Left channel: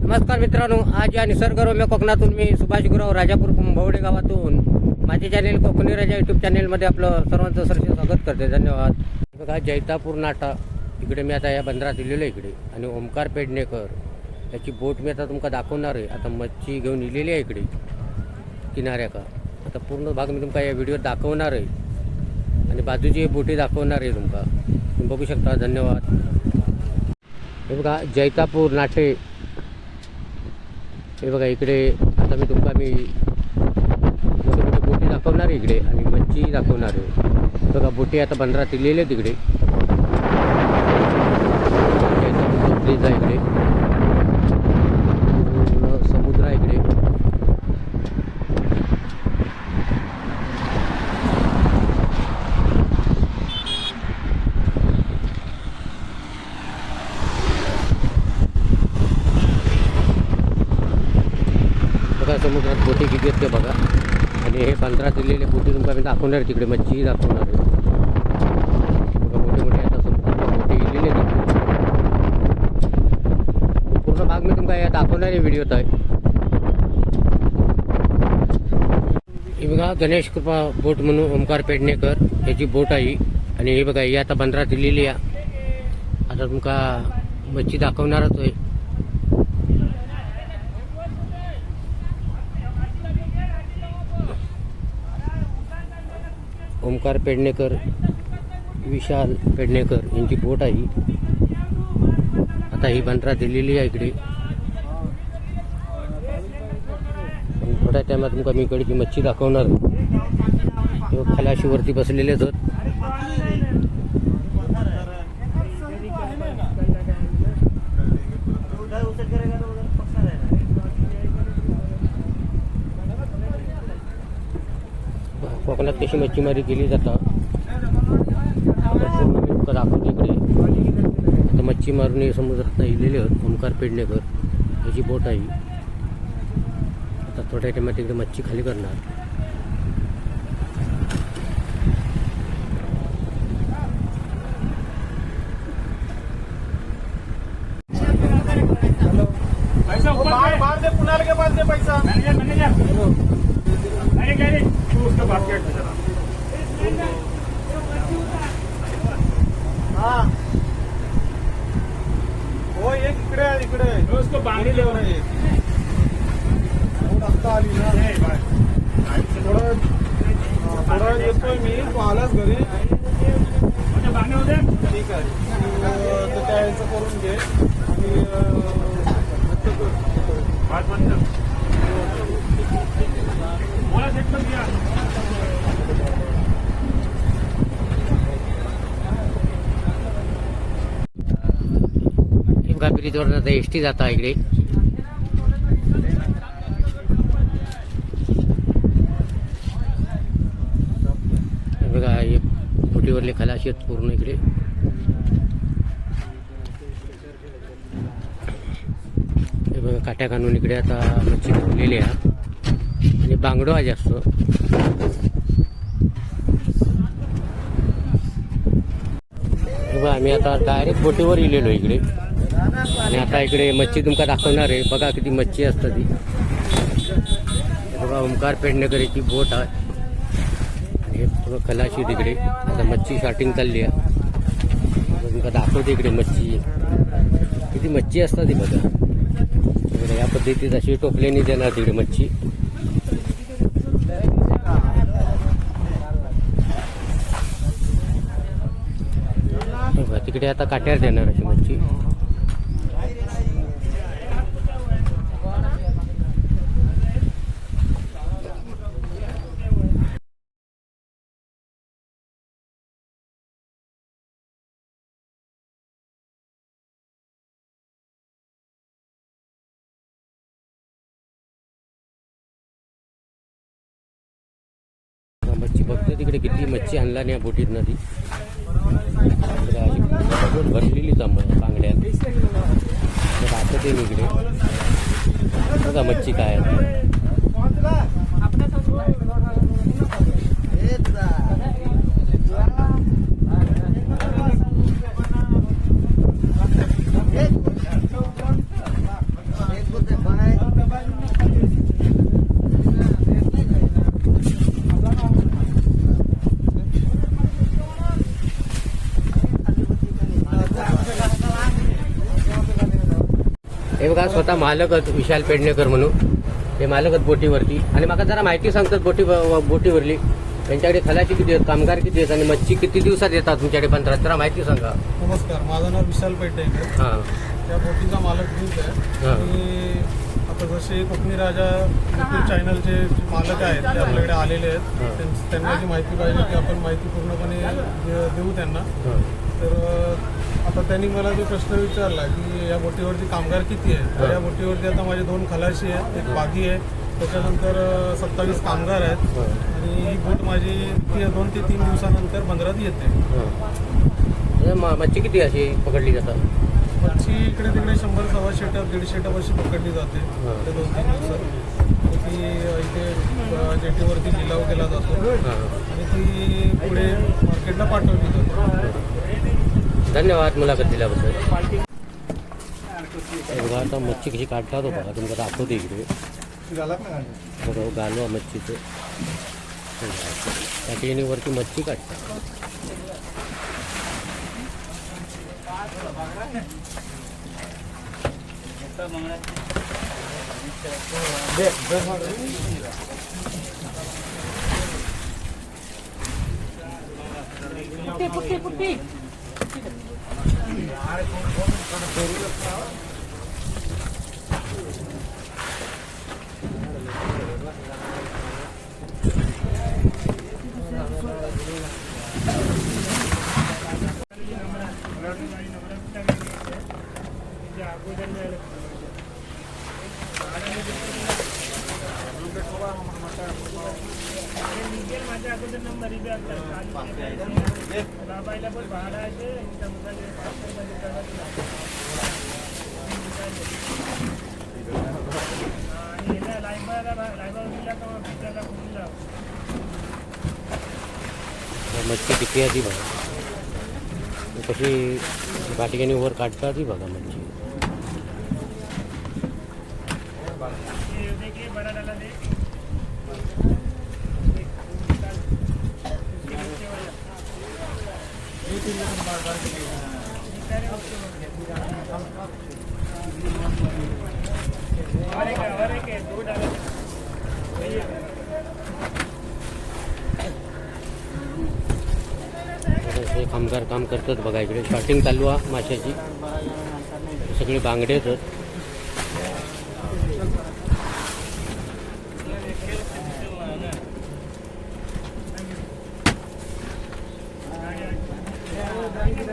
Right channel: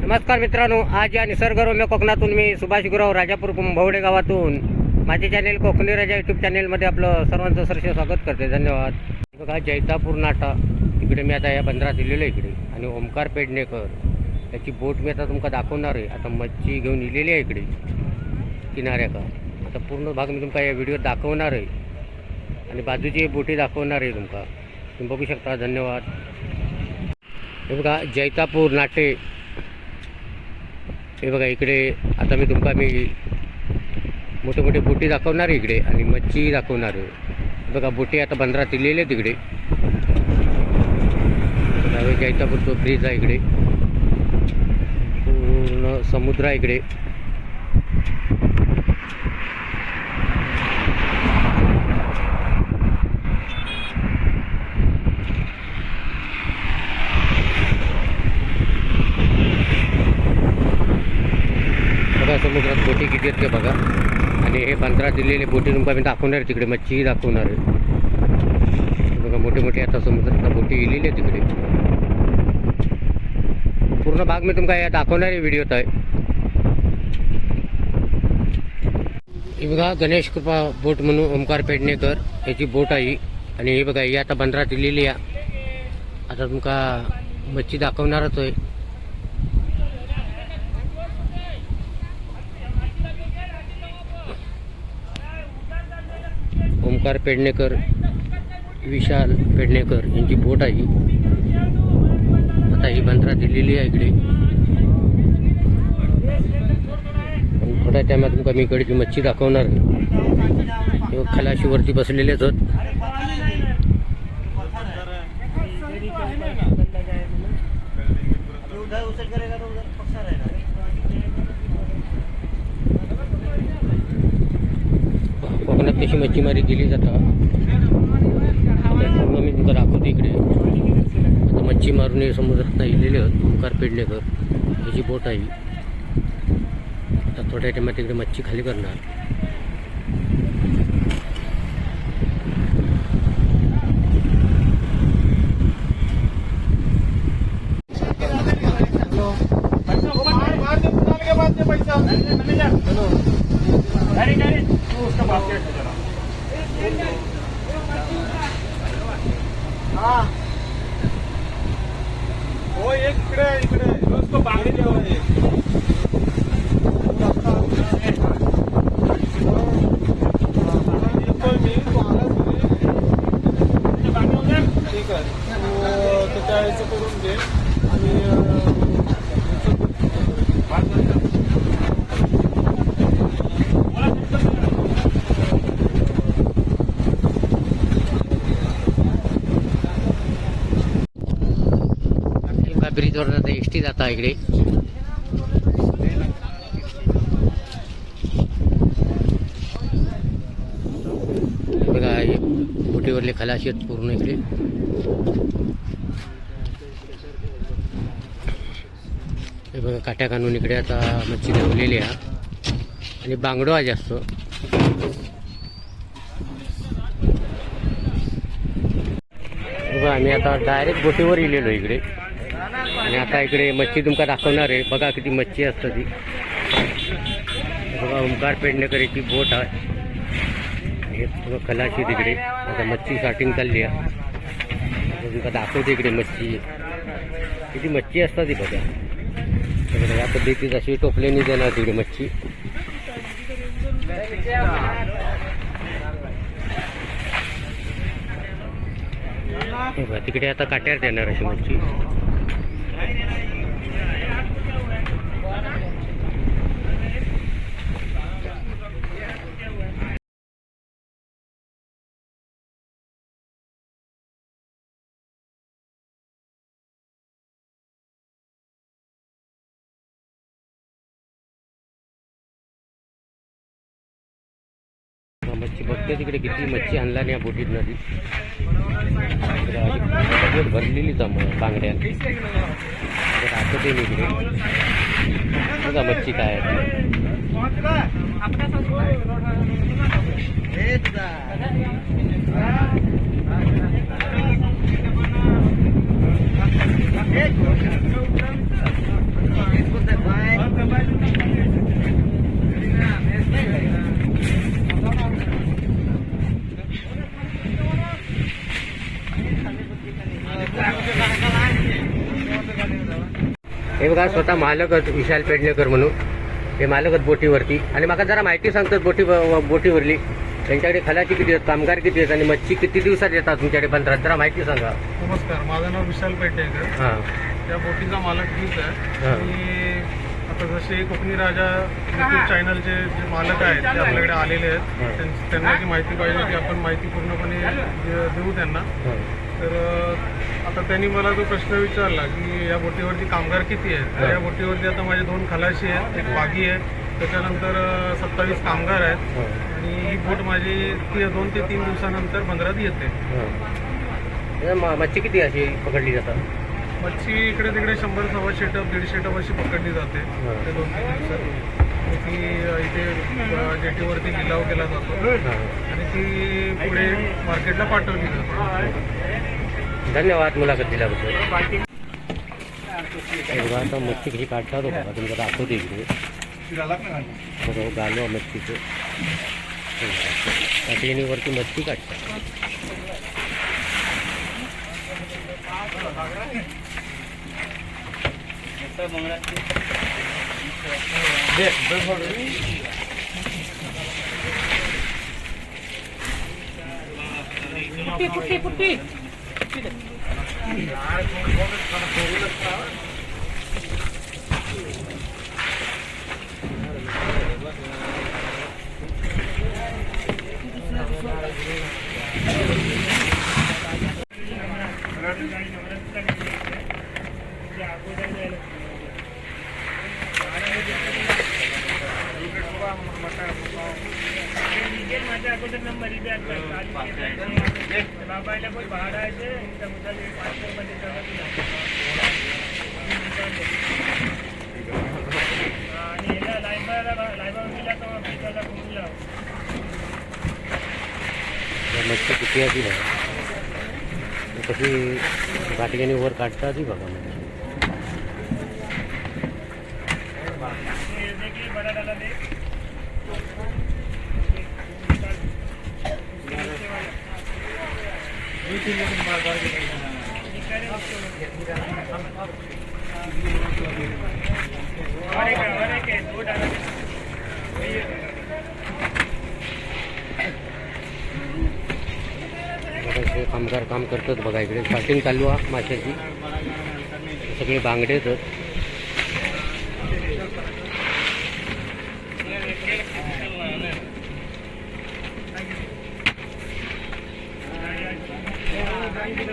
नमस्कार मित्रांनो आज या निसर्गरम्य कोकणातून मी सुभाष गुराव राजापूर भवडे गावातून माझे चॅनेल कोकणी राजा यूट्यूब चॅनेलमध्ये आपलं सर्वांचं सरसे स्वागत करते. धन्यवाद. बघा जैतापूर नाटा. इकडे मी आता या बंदरात दिलेलं आहे इकडे. आणि ओमकार पेडणेकर. याची बोट मी आता तुमका दाखवणार आहे. आता मच्छी घेऊन इलेली आहे इकडे किनाऱ्याका. आता पूर्ण भाग मी तुमका या व्हिडिओत दाखवणार आहे. आणि बाजूची बोटी दाखवणार आहे तुमका. तुम्ही बघू शकता. धन्यवाद. हे बघा जैतापूर नाटे. हे बघा इकडे आता मी तुमका मी मोठे मोठे बोटी दाखवणार आहे इकडे आणि मच्छी दाखवणार आहे. बघा बोटी आता बंदरात दिलेले आहेत इकडे. ब्रिज आहे इकडे. पूर्ण समुद्र आहे इकडे बघा समुद्रात बोटी किती आहेत ते बघा. आणि हे बंदरात दिलेले बोटी तुमका मी दाखवणार तिकडे मच्छीही दाखवणार आहे. बघा मोठे मोठे आता समुद्रात बोटी गेलेली आहेत तिकडे. पूर्ण भाग मी तुमका या दाखवणार आहे व्हिडिओत आहे ही बघा गणेश कृपा बोट म्हणून ओमकार पेडणेकर याची बोट आहे आणि ही बघा ही आता बंदरात दिलेली आहे. आता तुमका मच्छी दाखवणारच आहे. ओंकार पेडणेकर विशाल पेडणेकर यांची बोट आहे आता ही बंदरा दिलेली आहे इकडे. थोड्या टायमात तुमका मी इकडे मच्छी दाखवणार हे बघ, खलाशीवरती बसलेले आहेत. तशी कशी मच्छीमारी केली जातात पूर्ण मी तुमचा दाखवतो इकडे. आता मच्छी मारून हे समुद्रात इलेले आहेत ओमकार पेडणेकर. याची बोट आहे. आता थोड्या टायमात तिकडे मच्छी खाली करणार. पैसा मार मार क्या जरा हाँ हो एक इकडे आहे, इकडे उसको बांधले लेवल आहे येतोय मी तू आलास घरी ठीक आहे तू तर त्या याचं करून घे आणि एका ब्रिजवर आता एस टी जाता इकडे. बघा हे बोटीवरले खलाशी आहेत पूर्ण इकडे. हे बघा काट्या कानून इकडे आता मच्छी धावलेली आहे. आणि बांगडो आहे जास्त. बघा आम्ही आता डायरेक्ट बोटीवर इलेलो इकडे. आता इकडे मच्छी तुमका दाखवणार आहे. बघा किती मच्छी असतं ती हे. बघा ओमकार पेडणेकर याची बोट आणि हे थोडं खलाशी तिकडे आता मच्छी शॉटिंग चालली आहे. आता तुमका दाखवते इकडे मच्छी. किती मच्छी असतात ती बघा. हे बघा, या पद्धतीत अशी टोपल्याने देणार तिकडे मच्छी. हे तिकडे आता काट्यावर देणार अशी मच्छी. मच्छी. बघते तिकडे किती मच्छी आणला नाही या बोटीत नदी सगळे भरलेली बांगड्या. दाखवते इकडे. बघा मच्छी काय हे बघा स्वतः मालक आहेत विशाल पेडणेकर म्हणून. ते मालक आहेत बोटीवरती. आणि मला जरा माहिती सांगतात बोटी बोटीवरली. त्यांच्याकडे खलाची किती आहेत कामगार किती आहेत आणि मच्छी किती दिवसात येतात तुमच्याकडे पंधरा जरा माहिती सांगा. नमस्कार माझं नाव विशाल पेटेकर हां. त्या बोटीचा मालक मीच आहे. हा. आणि आता जसे कोकणी राजा युट्यूब चॅनलचे जे मालक आहेत ते आपल्याकडे आलेले हा. आहेत त्यां- त्यांना जी माहिती पाहिजे ती आपण माहिती पूर्णपणे दे- देऊ त्यांना. हां. तर अ, आता त्यांनी मला जो प्रश्न विचारला की या बोटीवरती कामगार किती आहेत? तर. या बोटीवरती आता माझे दोन खलाशी आहेत एक बागी आहे. त्याच्यानंतर सत्तावीस कामगार आहेत. आणि ही बोट माझी ती दोन ते तीन दिवसानंतर बंदरात येते. हां. हे म- मच्छी किती अशी पकडली जातात मच्छी इकडे तिकडे शंभर सव्वाशे टप दीडशे टप अशी पकडली जाते. ते दोन तीन दिवसात. ती इथे जेटीवरती लिलाव केला जातो. आणि ती पुढे मार्केटला पाठवली जाते. धन्यवाद मुलाखत दिल्याबद्दल. हे बघा आता मच्छी कशी काढतात हो। बघा तुमचं दाखवते इकडे बघा हो, गालो मच्छीचे काठीणीवरती मच्छी काढतात ஆயிரத்தி ஒன்று கோபுரத்துக்கான பெரிய माझ्या अगोदर नंबर इथे बाबायला पण भाडा आहे ते त्या मुलाला पाचशेमध्ये कळलं तुला. आणि याला लायबाला लायबावतीला तो पिकाला घुमून लाव तर मच्छी किती आहे ती बघा ती कशी काठीणी वर काढतात ती बघा मच्छी ये देखिए बड़ा डाला दे और एक और एक है, दो डाला दे बघा इकडे कामगार काम करतात बघा इकडे स्टार्टिंग चालू आहे माशाची. सगळे बांगडे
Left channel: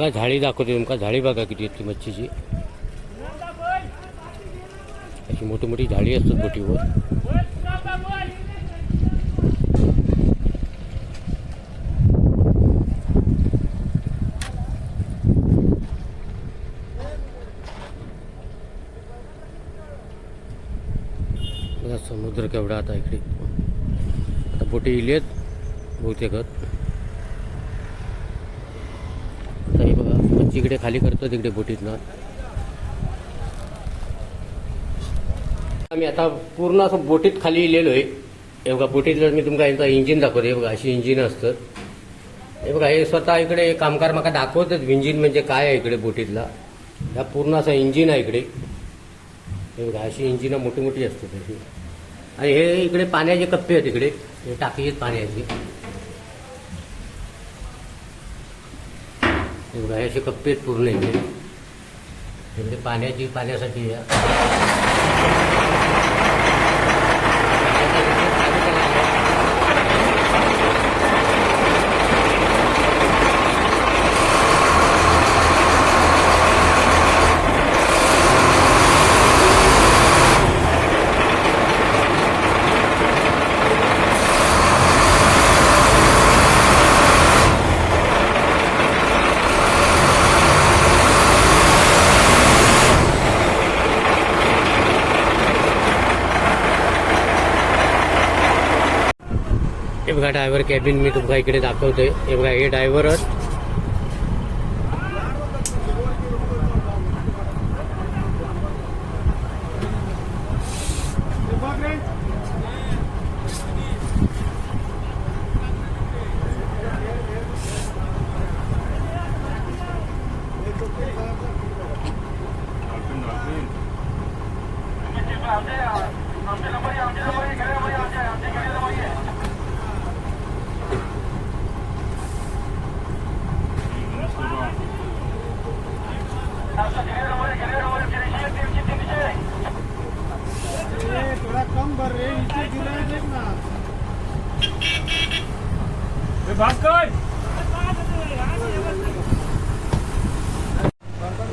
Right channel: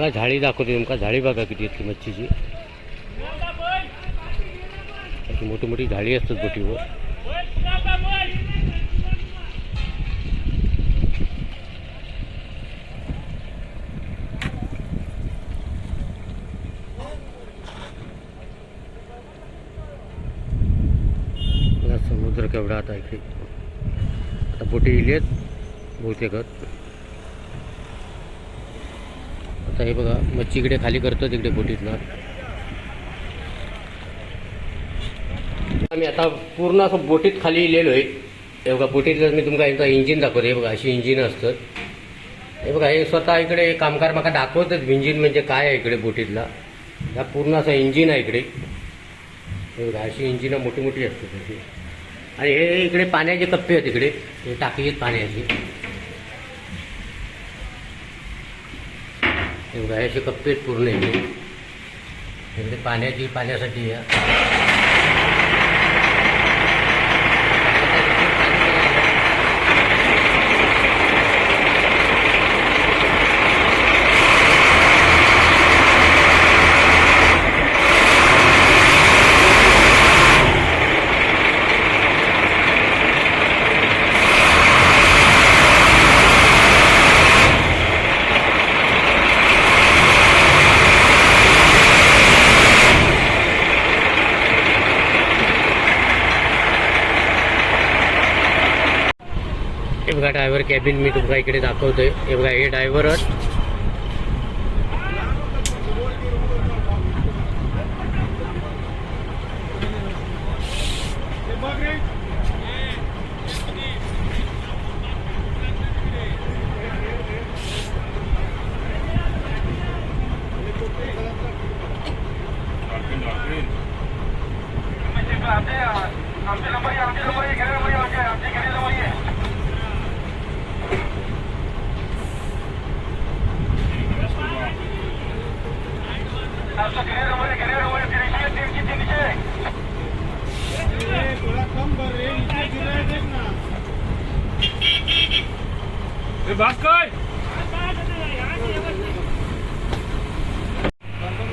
बघा झाडी दाखवते तुमका. झाडी बघा किती येते ती मच्छीची. अशी मोठी मोठी झाडी असतात बोटीवर. समुद्र केवढा आता इकडे. आता बोटी इली आहेत बहुतेक आता हे बघा मच्छी इकडे खाली करतो तिकडे बोटीतनं. आम्ही आता पूर्ण असं बोटीत खाली इलेलो आहे. हे बघा बोटीतलं मी तुमका एकदा इंजिन दाखवतो. हे बघा अशी इंजिन असतात. हे बघा हे स्वतः इकडे कामगार माका दाखवतात इंजिन म्हणजे काय आहे इकडे बोटीतला. हा पूर्ण असं इंजिन आहे इकडे. हे बघा अशी इंजिनं मोठी मोठी असते त्याची आणि हे इकडे पाण्याचे कप्पे आहेत इकडे. हे टाकी आहेत पाण्याची. एवढं आहे हे पेट कप्पे आहेत पूर्ण इकडे इकडे पाण्याची पाण्यासाठी हे बघा ड्रायव्हर कॅबिन मी तुमका इकडे दाखवतोय. हे बघा हे ड्रायव्हरच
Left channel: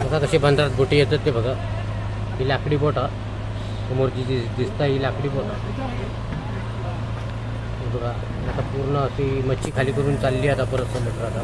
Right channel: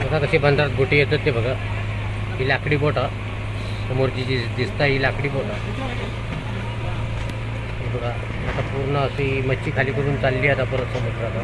बघा कसे बंदरात बोटी येतात ते बघा. ही लाकडी बोट समोरची जी दिसता ही लाकडी बोट हे. बघा आता पूर्ण अशी मच्छी खाली करून चालली आता परत समुद्रात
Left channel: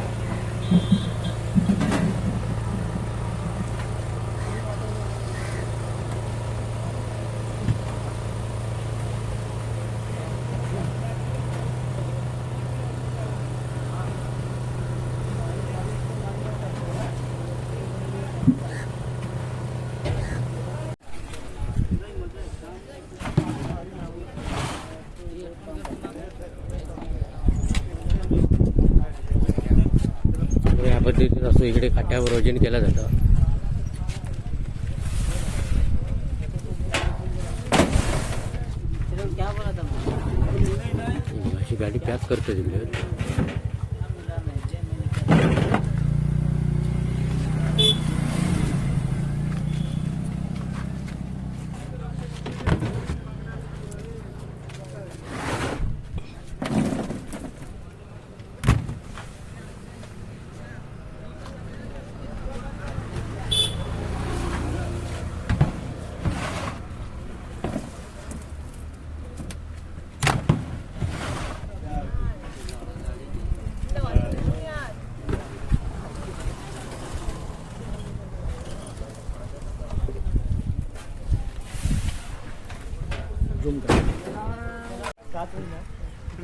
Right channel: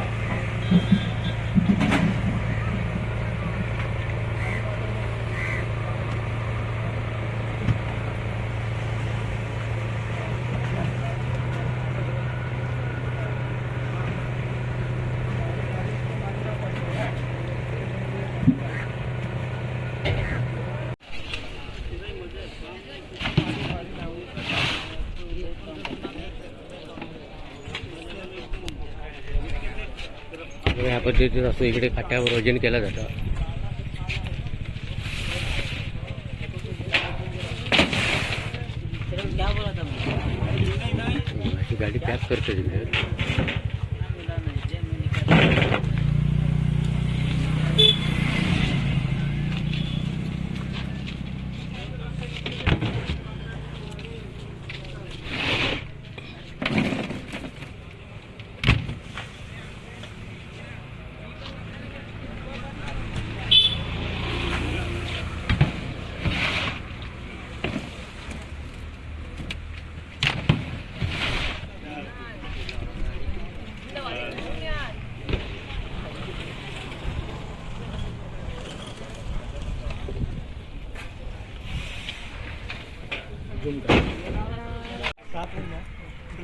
आणि पद्धतीत असं इकडे काठ्यावर वजन केलं जातं. गाडी पॅक करतो तिकडे.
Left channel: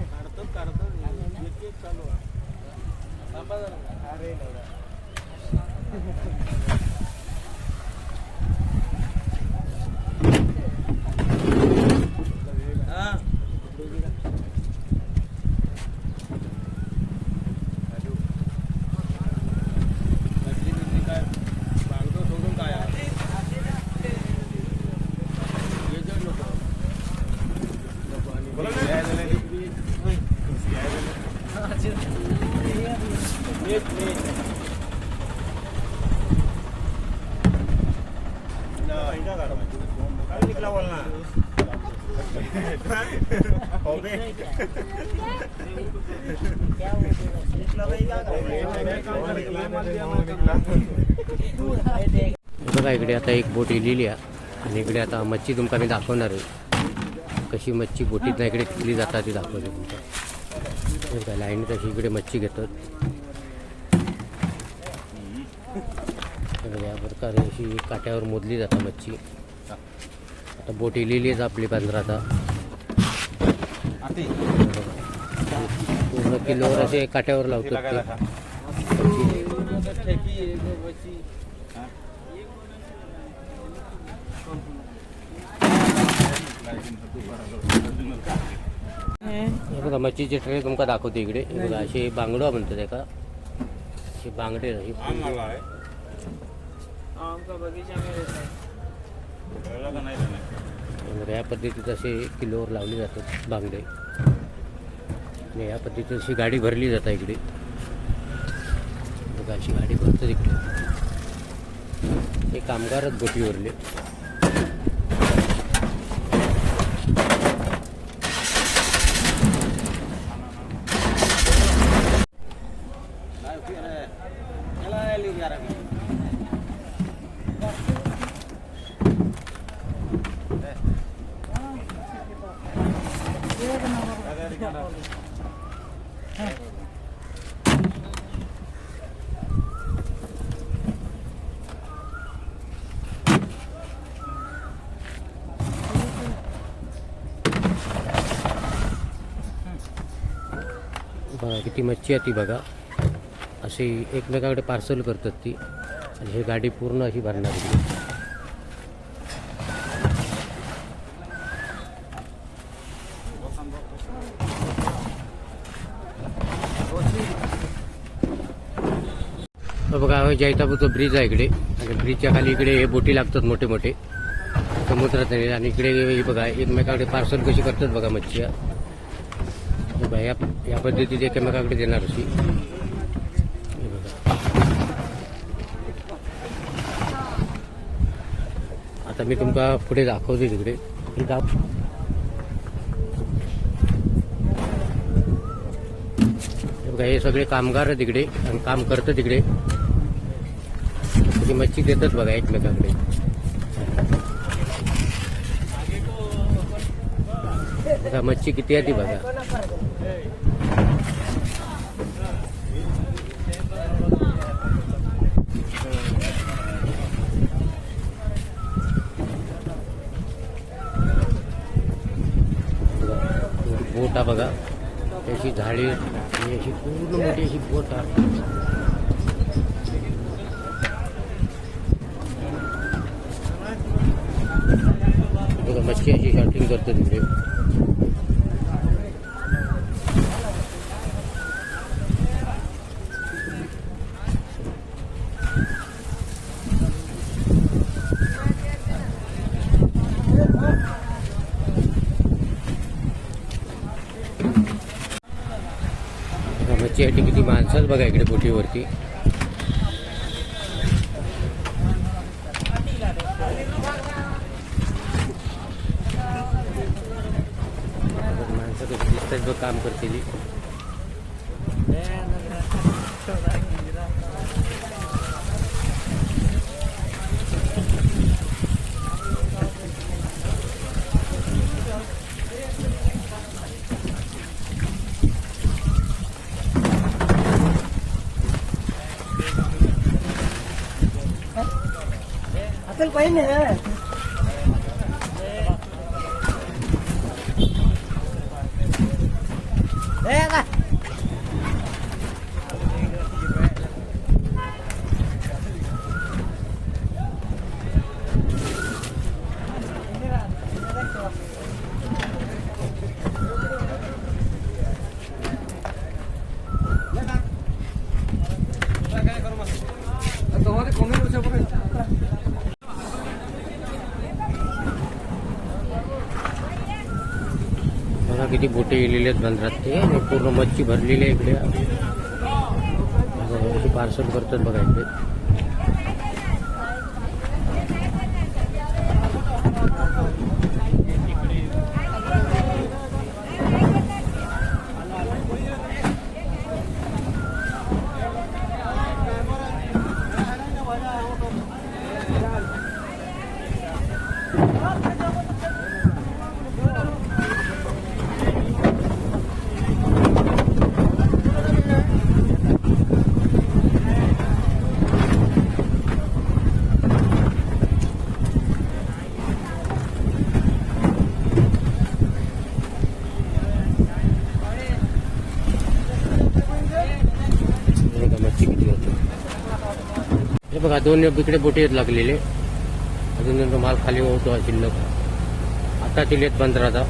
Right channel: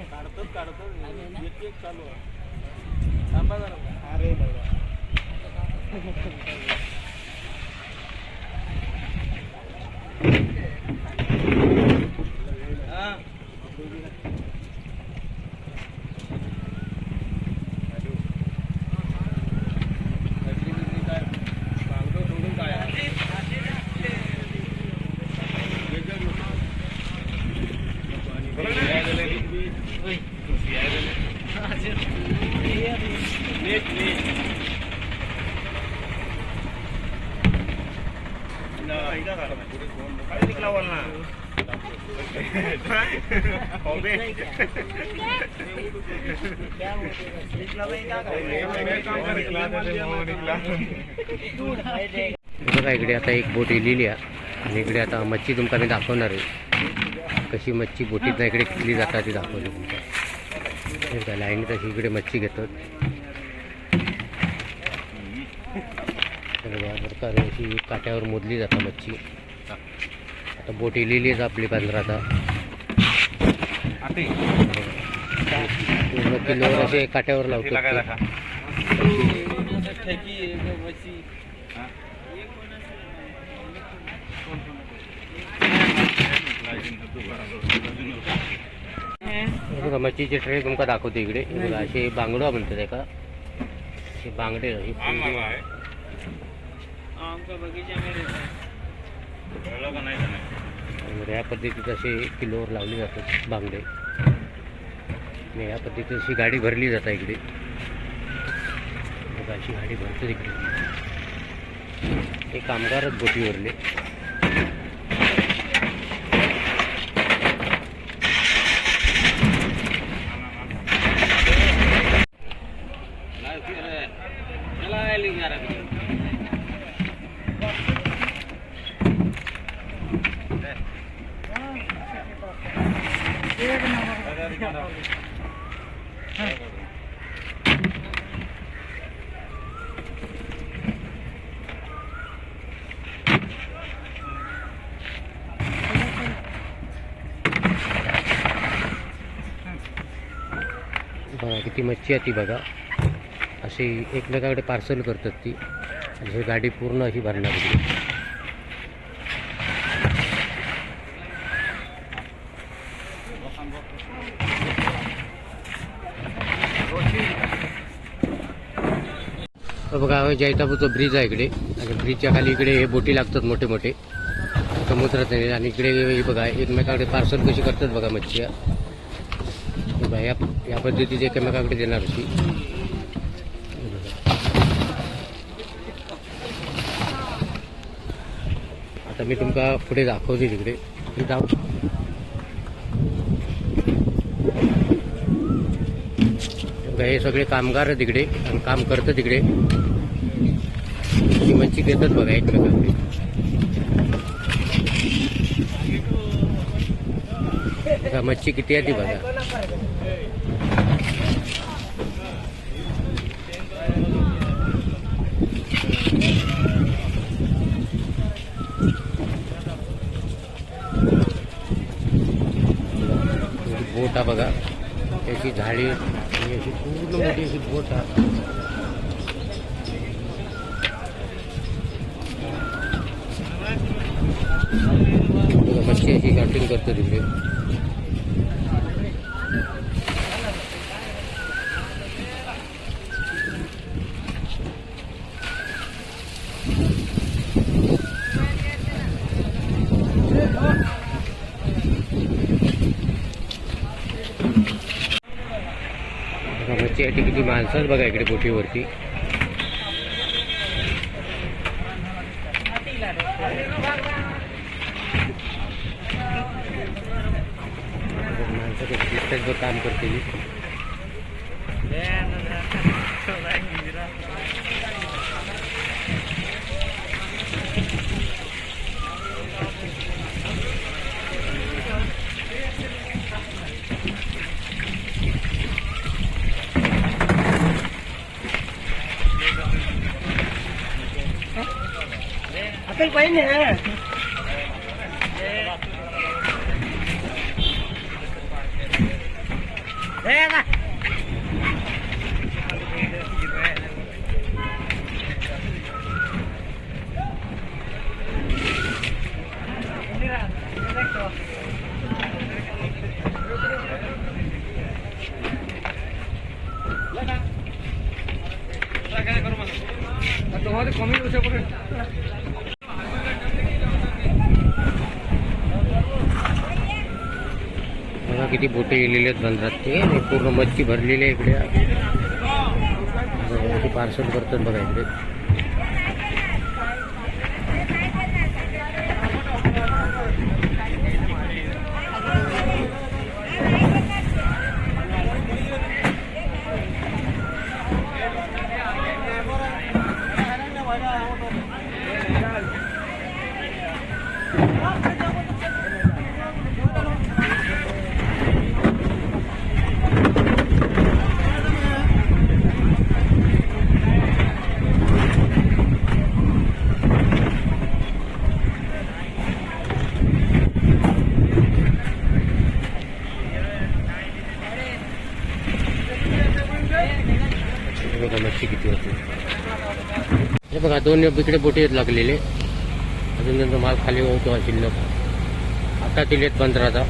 काढतो काढतो एक एक चालू आहे थांबा जरा अरे बघा इकडे आता एक बोट इलेली आहे. आणि इकडे आता मच्छी तुमका मी दाखवणार आहे. कशी मच्छी बोटीत इकडे किती जातात ती दाखवते तुमका. लाईन तशी इकडे मच्छी घेतात. हे बघा, या प्रकारे अशी काट्यावर मोदली जातात मच्छी. आता बोट इलेली आहे आपली पंधरा आता. पूर्ण किलोवर असे काट्यावर हे बघा मच्छीचे ट्रे तुमका दाखवते इकडे. हे बघा असे बांगडा म्हणतात एका. हे बांगडे पूर्ण- आमका बगीचा में रहता है आणि या पद्धतीत असे किलोवर लावले जातात बांगडे. आणि या पद्धतीत अशी गाडी भरली जातात इकडे. बघा अशी गाडी भरते तिकडे हे कामगारच बोटीवरले. बघा किती मच्छी आहे ती बघा. अशी एकमेकाकडे पार्सल करतात ती. आणि ही गाडी पूर्ण अशी भरणार होती बघा हा जैतापूरचा ब्रिज आहे इकडे. आणि ब्रिजच्या खाली इकडे हे बोटी लागतात मोठे मोठे समुद्रात आणि इकडे बघा एकमेकाकडे पार्सल कशी करतात बघा मच्छी. बघा, या या पद्धतीचे एकमेकाकडे देणार अशी बघा. आता मी तुमका पुढे दाखवते तिकडे. हे हे बघा, हे सगळे कामगार आहेत तिकडे आणि काम करतं तिकडे. ती मच्छी देतात बघा एकमेकाकडे. बघा मच्छी किती आहे ती बघा. बोट हा बघा. त्याची झाडी आणि अशी पूर्ण मोठी अशी बोट बघा, मच्छी अशी कटिंग करतो तिकडे. बघा किती माणसं बघा इकडे बोटीवरती माणसं दिसतात काम करतेली अकल पाहिजे बघा किती बोटे गेलेले आहेत बंदरात ते आणि पूर्ण मच्छी भरलेली आहे इकडे. पार्सल करतात बघा इकडे हे बघा मच्छी किती होते हे बघा दोन इकडे बोटी आहेत लागलेले. अजून त्यांचा माल खाली होतो हा शिल्लक. आता दिलेत बंदराचा